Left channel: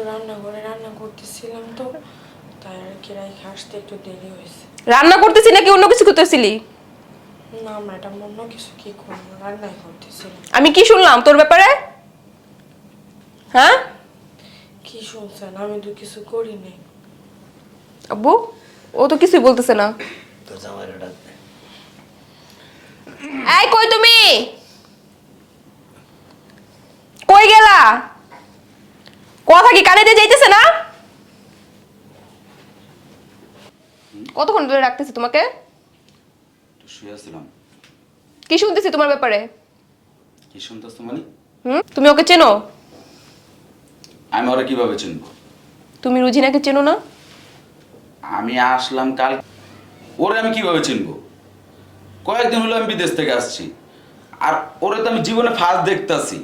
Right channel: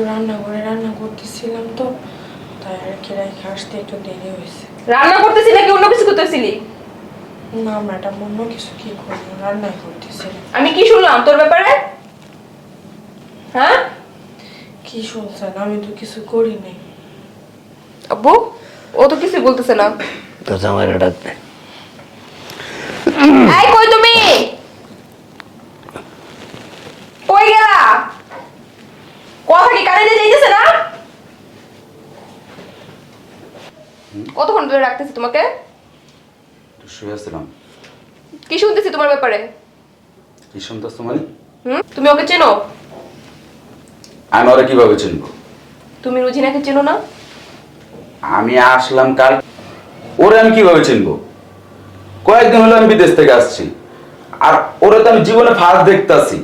একটু রান্না করে রান্না করতেছিলাম তো তাই আর কি রাইখে আসতে একটু দেরি হয়েছে। রান্না করতেছি নাকি অন্য কিছু করতেছিলি? না ম্যাডাম অন্য কিছু কি করব করতেছিলাম। আমি কি শুনলাম তোর ব্যাপারে? হ্যাঁ? কি শুনছেন? আমি তো কিছু করি নাই। আব্বু ও তো কিছুই বলতেছে না। তো ডাকবে এই কই তুমি কই গেলা কথা কি কানে দিয়ে যাইতেছে না কতক্ষণ ধরে রাখতেছি তোমাকে? একটু শুয়ে আসছিলাম। কি শুনতেছি তোমার ব্যাপারে? কি শুনতেছ মানে? হুম? তুমি ওকে চেনো? আমি ওরা কীভাবে চিনবো? তুমি রুজিনাকে চেনো না? আমি আসলাম কাল। ওরে আমি কীভাবে চিনবো? কয়েকদিন হলো আমি বিদেশ থেকে আসছি। আর ওরে তো আমি জীবনে ফার্স্ট দেখতাছি।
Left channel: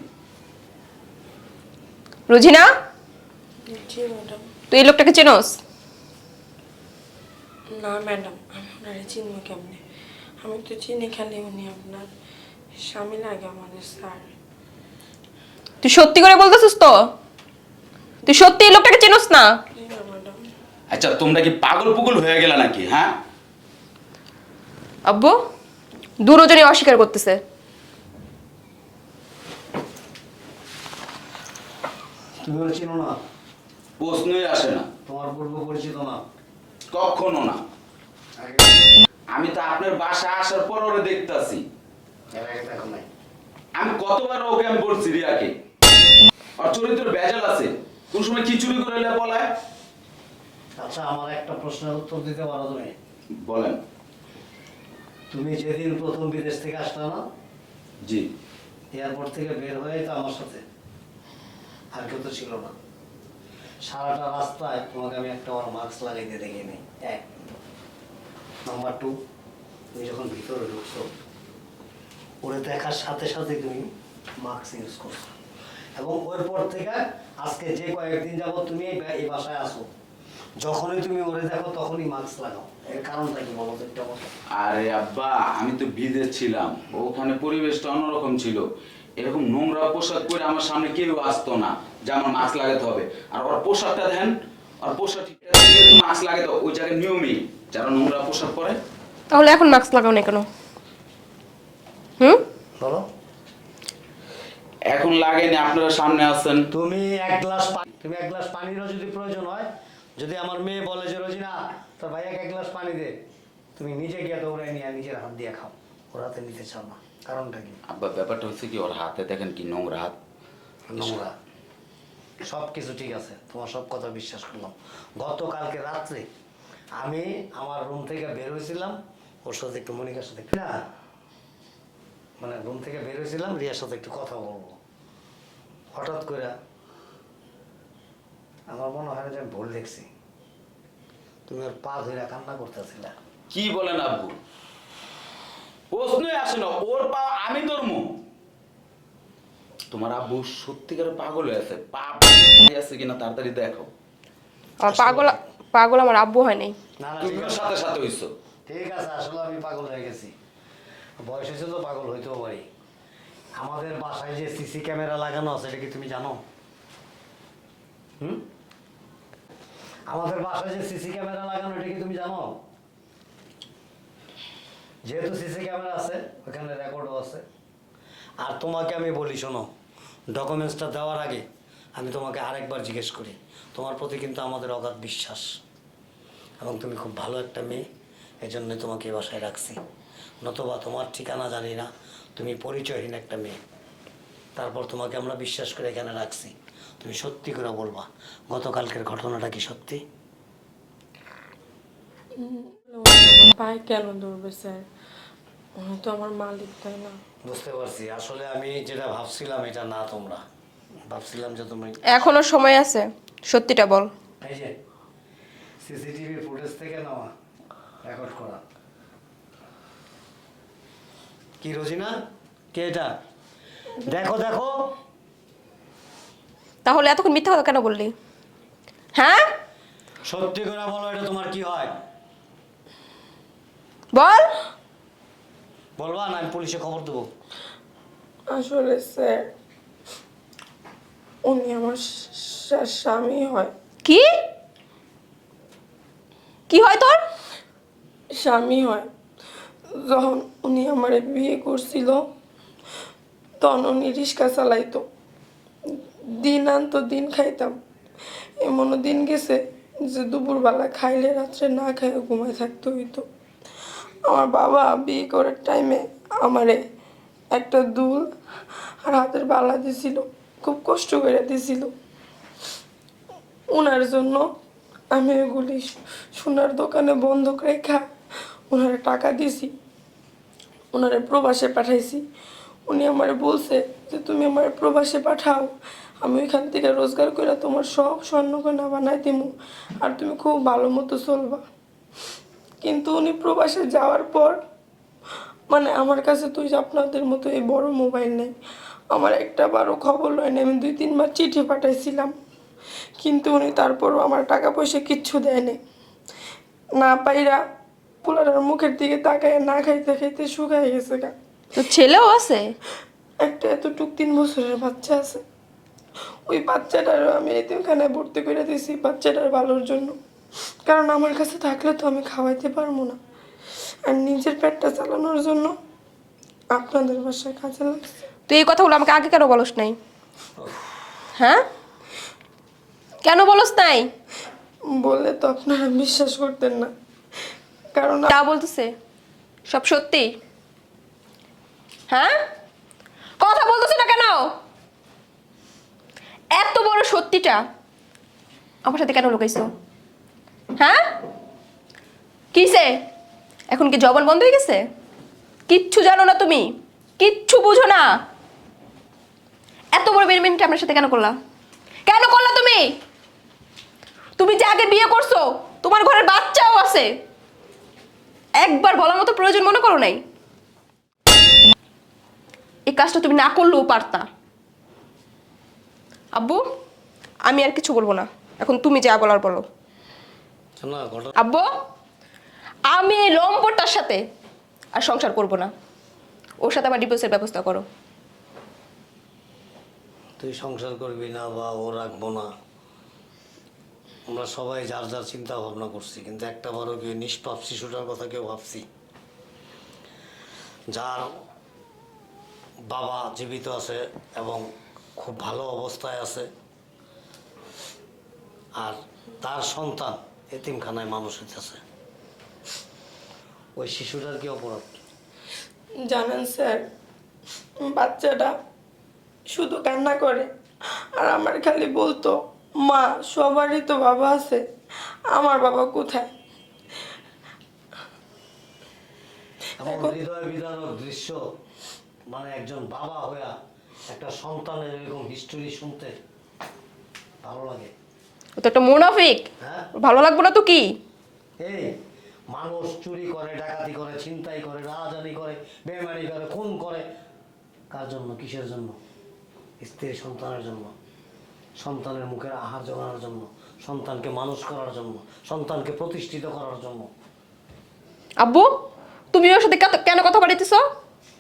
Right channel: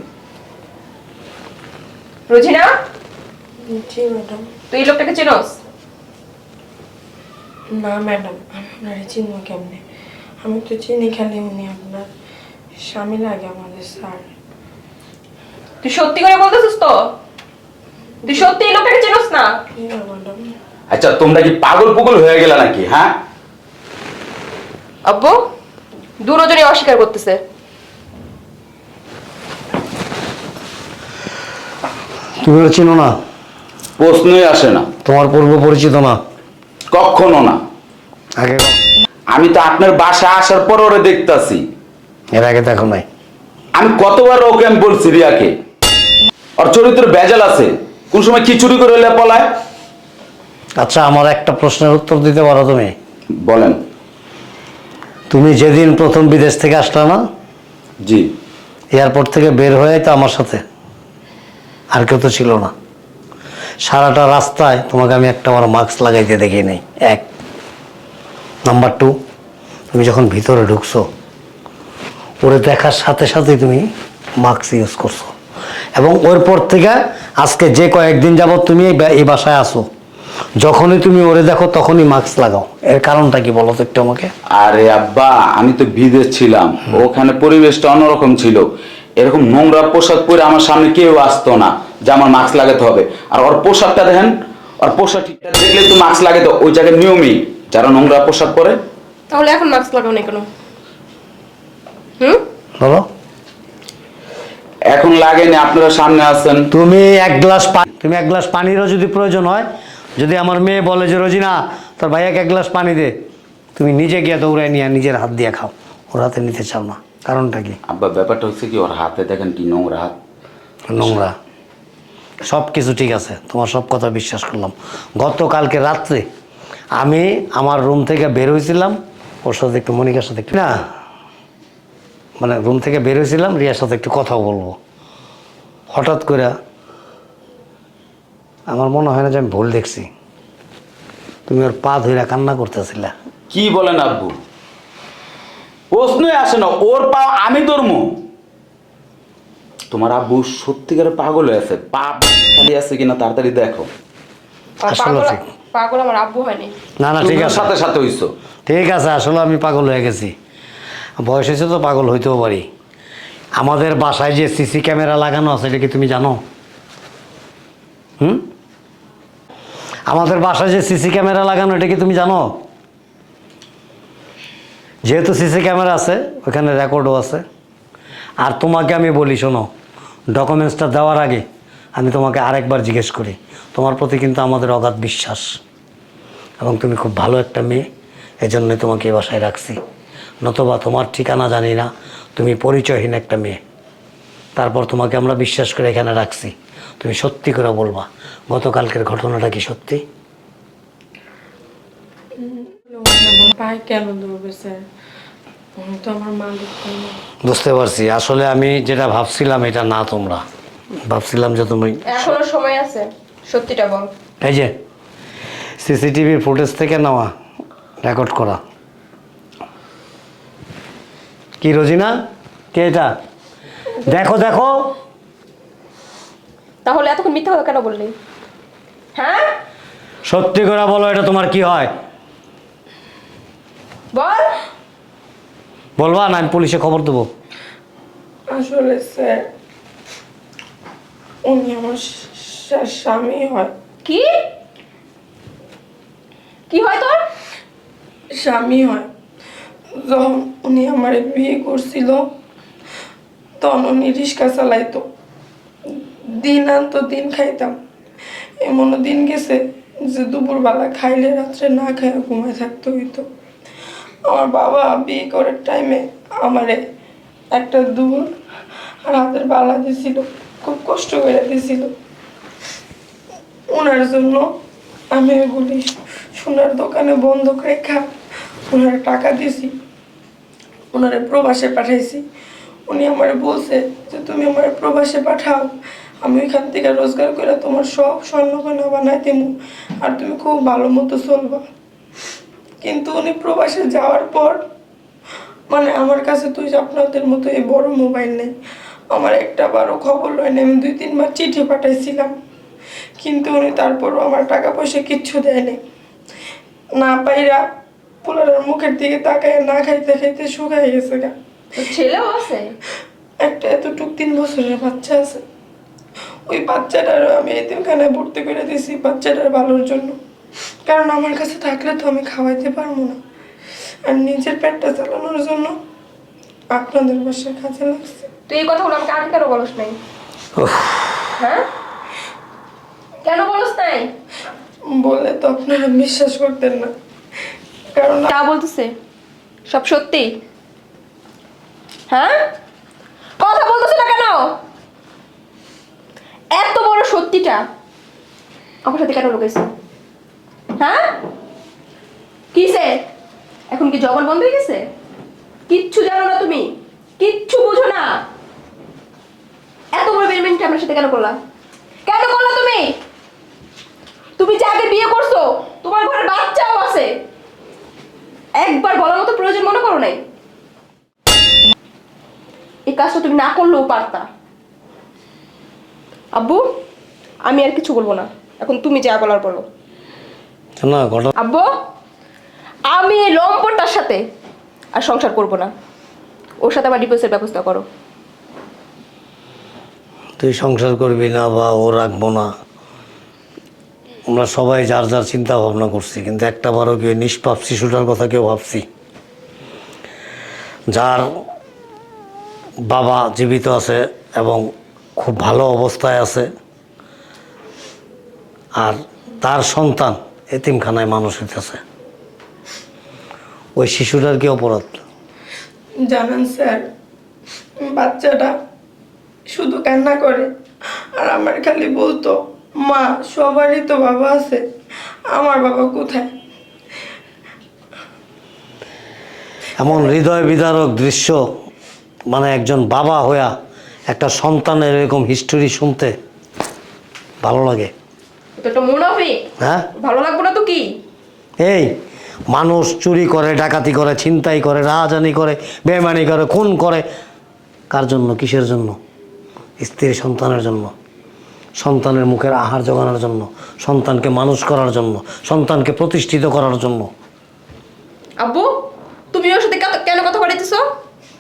রুজিনা? জি ম্যাডাম। তুই এই লোকটাকে চেনোস? না ম্যাডাম আমি আপনারে চিনবো কেমনে? আমি তো চিনি খালি উনি আপনার স্বামী লাগে আমাদের স্যার। তুই সত্যি করে বলতেছিস তো? তুই সত্যি এই লোকটাকে চেনোস না? ম্যাডাম? আচ্ছা তোমরা কি পাগল পুগল হয়ে গেলে নাকি হ্যাঁ? আব্বু দুরজনই অস্বীকার করতেছে। তুমি ওরা চিনো না? প্রশ্নই আসে না। তোমার পূর্ব পরিচিত না? কখনো না। আগে আমি তো আপনার বাসা আসার পর ওরে দেখতাছি। এর আগে দেখো নাই। আমি কতবার ওকে আমি বলছি রিয়াকে ওর চরিত্র বেজাল আছে। কোন সময় কি চুরি করে এলে পলায়। আচ্ছা আমার একটা প্রশ্নের উত্তর দিতে পারো তুমি? বলেন। তুমি যেদিন প্রথম বিদেশ থেকে আসলে না জি। এয়ারপোর্ট থেকে বের হয়ে তো আমার সাথে। আর কেউ তো ছিল না। সারাটা রাস্তায় তোমাকে আমি একটা আমার মাস্ক লাগাইতে দেখি নাই। এক। নাম্বার টু তুমি যখন ভিতরে ঢুকছো, ওরে দেখার সাথে সাথে তুমি মাস্ক ইউজ করছ। এবং ওর পর থেকে আজকে যে কয়েকদিন যাবত তুমি এই বাসায় আসো যখনই তুমি ওরে দেখো তখনই মাস্ক লাগাও। এর কারণটা কি বলো তো একটু আমাকে? আরে আব্বা, আমি তো বিদেশ ছিলাম। ওখানে পরিবেশটা অন্যরকম ছিল। এরকম নোংরা পোশাক পরে আমার সামনে কেউ আসতো না। যে আমার মাস্ক লাগাতে হবে। আর ওর পোশাকটা দেখেন ওর পোশাক ঠিকঠাক দেখলে তো মাস্ক লাগাতে ওই জায়গায় নিয়মই। যারা নোংরা পোশাক পরে। তাহলে এখন মাস্ক লাগাও না কেন? হুম? বলো এখন লাগেনি আপনারা সামনে আছেন। তুমি এক গ্লাস পানি তুমি এক গ্লাস পানিরও যদি প্রয়োজন হয় যদি আমার মেয়ে বলে যে রোজিনা তোর ভাইয়াকে এক গ্লাস পানি দে। তুমি নিজে গিয়ে দৌড়ায় নিয়ে নিজের হাত দিয়ে খাও। ওর হাতে নিতে চাও না। কারণটা কি? আব্বা ব্যাপারটা হচ্ছে কি ওর হাতে দেখেন কি নোংরা। হাত নোংরা। সব কিছু ঠিক আছে, তোমার সব কথা বিশ্বাস করলাম। গতকালকে রাত্রে আমি আমার রুম থেকে বের হয়েছিলাম ওর সাথে একটু মনিকার সাথে একটু না মানে রুম থেকে বের হয়েছিলাম রিয়ার সাথে একটু কথা বলব। হঠাৎ করে আমার মনে হয় না যে আমি ভুল দেখছি। তুমি ওর পা ধইরা কান্না করতেছিলা। কি বলেন আব্বু? প্রশ্নই আসে না, ওর পা আমি ধরমু? তোমার আব্বু সত্যিকারে পাগল হয়ে আছে। পা আছে কিনা তাড়াতাড়ি দেখো। আসলে পাগল পাগল আমার আব্বু হয়নি না না ঠিক আছে। সাথে সাথে হইছো। ঠিক আছে আসলে আমি পাগল হয়ে গেছি। বয়স হয়েছে তো পাগল হইতেও পারি। আমাদের বাসায় যে সিসি ক্যামেরা লাগানো আছে এটা কি তুমি জানো? হুম? আমাদের বাসায় যে সিসি ক্যামেরা লাগানো এটা কি তুমি জানো? যেহেতু সিসি ক্যামেরা আছে ওখানে রেকর্ডও আছে। আর তোমাকে আমি বলি শোনো। ডকুমেন্টসটা দেওয়ার আগে আমি তোমাকে আরেকবার জিজ্ঞেস করি, তোমার প্রতি কিন্তু আমাদের অগাধ বিশ্বাস। এবং তুমি খুব ভালো একটা মেয়ে এজন্যই তোমাকে এই বাসায় রাখছি। নতবা তোমার ঠিকানা জানি না, তুমি পরিচয়হীন একটা মেয়ে। তারপর তোমাকে আমরা বিশ্বাস করে এখানে রাখছি। তুমি সত্যি করে বলবা, গতকালকের ঘটনাটা কি সত্যি? কেন ধরবে স্যার আমি তো আমার মালিক না। বুঝতে পারছি। আসলে আমি যেটা ভাবছিলাম এটা না তোমরা। ভাবছিলাম যে তুমি এখনও সময় আছে। সত্যিটা বল। এই যে সিসিটিভির ফুটেজ থেকে নেওয়া রেকর্ড করা। কি রোজিনা? কে এটা? দেখো দেখো। তাহলে এতক্ষণ মিথ্যা কথা কেন বললি? হ্যাঁ? সত্যি করে বলো এটা তোমার কি হয়? বল। বলবা না আমি পুলিশে খবর দেবো। আসলে স্যার উনি আমার স্বামী হয়। কি? কি হয় তোর? স্বামী হয়। যখন উনি আমার বিয়ে করছিল তখন উনি রিক্সা চালাইতো। দিন আনতো দিন খাইতাম। এমনও দিন গেছে যে দুপুরবেলা খাইলে রাত্রে না খাই ঘুমায় থাকতে হইতো। আমার বাবা বিয়ে করার টাইমে আমারে একটা দুল আর হাতের বালা দিছিল, খুব কষ্ট করে দিছিল। ওনার জন্য আমি ওগুলি সোনার দোকানে বন্ধক রেখা ওনার টাকা দিয়েছি ওনারে প্রবাসে পাঠাইছি। উনি আমার বলছে যে, তুমি আমার প্রবাসে পাঠাও, আমি ওইখান থেকে রোজগার করে তোমার সব স্বর্ণকন্যা বানাই দেবো আর তুমি খুব ভালো মতো চলবা। কিন্তু উনি প্রবাসে যাওয়ার পর মানে আমার কাছে তুই আপনাদের মতো এই বড় মোবাইল নেই। আমার একটা বারো খবর লয় না আমি দুই তিনবার চিঠি পাঠাইছিলাম। কিন্তু উনি তারপরও আমার টাকা পয়সা কিচ্ছু দেয়নি। না পাইরা পোলারের মুখের দিকে তাকায় না খাইতে খাইতে শুকাই গেছে গা। ছেলেও আছে? একটা এতটুক তিন বছরের বাচ্চা আছে। ওই বাচ্চাটারও আমি এতিমখানায় ভর্তি করে দিয়েছি বাচ্চাটার ভালোর জন্য। কারণ আমার কাছে থাকলে তো আমি খাওয়াইতে পারব না। আর নিজের পেটটা চালানোর জন্য আপনাদের বাসায় কাজে লাগছে। তুই এই কথাগুলো আমাকে আগে কেন বলস নাই? হ্যাঁ? কেন বলস নাই? বলে তো আপনারা বিশ্বাস করতেন না। কারণ তা বলতেছে? সব সত্যি? হ্যাঁ? কথা বলতেছে না কেন? এত বড় সত্যিটা আমার সাথে কেন লুকাইছো হ্যাঁ কিসে এখন কি জবান বন্ধ হয়ে গেছে? কিচ্ছু জানো না তুমি। কিচ্ছু বুঝো না। এত বড় বেরমেন্ট আমার সাথে কেন করলা? কেন করলা তুমি? তুমি যে আগে বিয়ে করছ তোমার ঘরের বাচ্চাও আছে। একবার বলার মতো প্রয়োজন মনে করো নাই। এই কাজটা তুমি না করলেও পারতা। আব্বু আমি আর কিছু বলব না। এখন তুমি যা বলার বলো। না আব্বু? আমি লম্পটার সাথে আর সংসার করব না। ওর সাথে আমার ডিভোর্সের ব্যবস্থা করো। তুই সংসার করবি না বা ও রাখব না। আমরা সবাই যার যার চিন্তা ভাবনা করছি, কিন্তু একটা বারও কেউ নিষ্পাপ শিশুটার কথা কেউ ভাবছি। যার বাবা জীবিত আছে এবং খুব ভালো অবস্থায় আছে, আর তার সন্তান এতিমখানায় মানুষ হইতেছে। ওই শিশুটার কি অপরাধ? জানেন স্যার বাচ্চাটা শুধু কান্না করে আর আমার খালি বলতো মা সবারই তো বাবা আছে আমার বাবা কোথায়? এমন হৃদয় বিদারক দৃশ্য মানে একজন বাবা হইয়া একটা সন্তানের এরকম হিস্টোরি শুনতে ভালো লাগে। তো একটা মুনাফিক হ্যাঁ? ভালো লাগবে না তো কি? এই মানুষ চুরি করে ডাকাতি করে ছিনতাই করে রাজানি করে বেমানি করে খুন করে। কার জন্য? কিসের জন্য? স্ত্রী সন্তানের জন্য। সন্তানের মুখের আহার জোগানোর জন্য। সন্তানকে মানুষ করার জন্য। সন্তানকে প্রতিষ্ঠিত করার জন্য। আব্বু তুমি ওর সাথে কেন কথা বলেছিস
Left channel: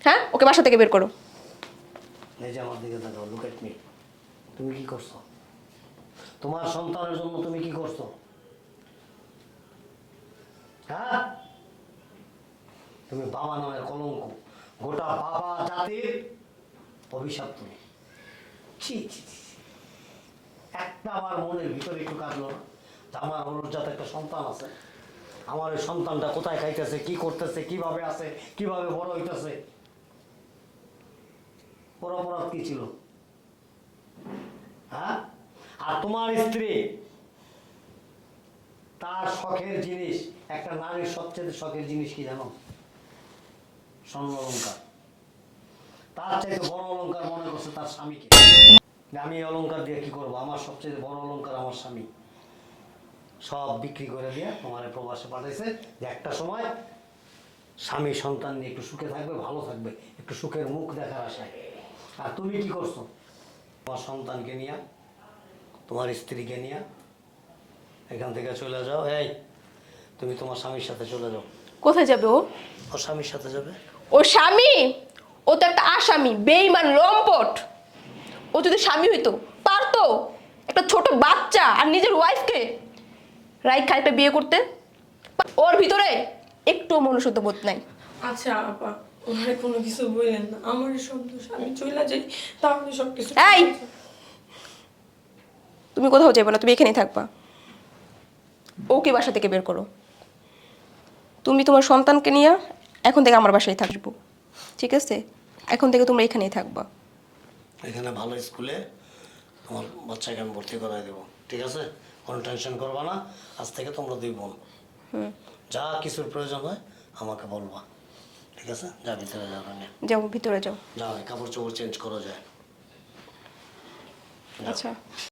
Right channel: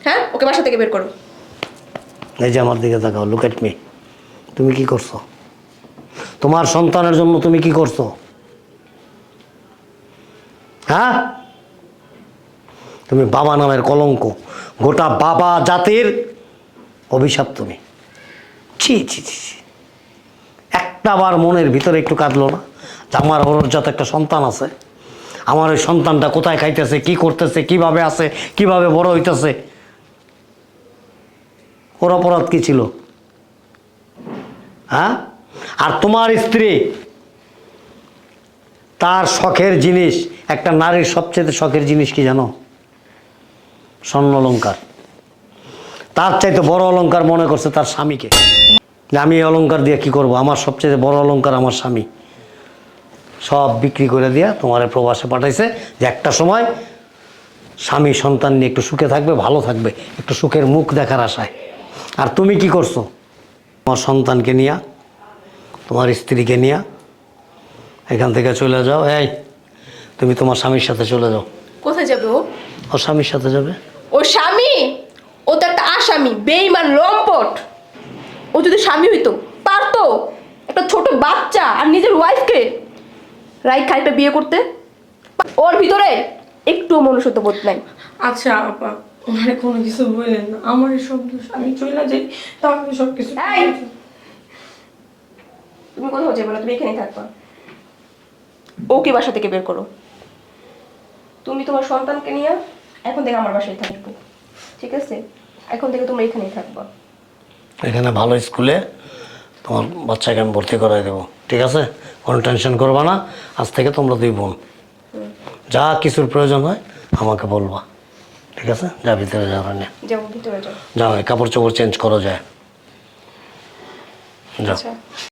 হ্যাঁ? ওকে বাসা থেকে বের করো। এই যে আমার দিকে তাকাও লুক এট মি তুমি কি করছ? তোমার সন্তানের জন্য তুমি কি করছ? হ্যাঁ? তুমি বাবা নামের কলঙ্ক। গোটা বাবা জাতির অভিশাপ তুমি। ছি ছি ছি ছি। একটা বার মনের ভিতরে একটু কাঁদলো না? যে আমার অরজাত একটা সন্তান আছে, আমার ওই সন্তানটা কোথায় খাইতেছে, কি করতেছে, কীভাবে আছে, কীভাবে বড় হইতেছে? ওর অপরাধ কি ছিল? হ্যাঁ? আর তোমার স্ত্রী তার শখের জিনিস, একটা নারীর সবচেয়ে শখের জিনিস কি জানো? স্বর্ণ অলঙ্কার তার চাইতে বড় অলঙ্কার মনে করছে তার স্বামীকে। যে আমি এই অলঙ্কার দিয়ে কি করব? আমার সবচেয়ে বড় অলঙ্কার আমার স্বামী। সব বিক্রি করে দিয়া তোমার প্রবাসে পাঠাইছে যে একটা সময় স্বামী সন্তান নিয়ে একটু সুখে থাকবে, ভালো থাকবে, একটু সুখের মুখ দেখার আশায়। আর তুমি কি করছ? তোমার সন্তানকে নিয়া, তোমার স্ত্রীকে নিয়া এখান থেকে চলে যাও। এই তুমি তোমার স্বামীর সাথে চলে যাও। কোথায় যাবে ও? ওর স্বামীর সাথে যাবে। ও স্বামী? ও তো একটা আসামি বেইমান লম্পট। ও যদি স্বামী হইতো তার তো একটা ছোট বাচ্চা আর নিজের ওয়াইফকে রাইট খাইটা বিয়ে করতে। ওর ভিতরে একটু মনুষ্যত্ব বোধ নাই। আচ্ছা আপা ওনারে কোনো কিছু বললেন না। আমার সব দোষ আমি চলে যাই তাহলে সব কিছু এই! তুমি কোথাও যাবে না তুমি এখানেই থাকবা। ওকে বাসা থেকে বের করো। তুমি তোমার সন্তানকে নিয়ে এখন থেকে আমার বাসায় থাকব। ঠিক আছে? এখন থেকে তোমরা এখানেই থাকবা। এখানে ভালো স্কুলে তোমার বাচ্চাকে আমি ভর্তি করাই দেবো। ঠিক আছে? কোনো টেনশন করবা না। আজ থেকে তোমরা দুই বোন। যা কিছুর প্রয়োজন হয় আমাকে বলবা। ঠিক আছে? যা ভিতরে যাওয়ার নিয়ে যাব ভিতরে যাও। যাও কাপড় চোপড় চেঞ্জ করো যায়। যাও। আচ্ছা।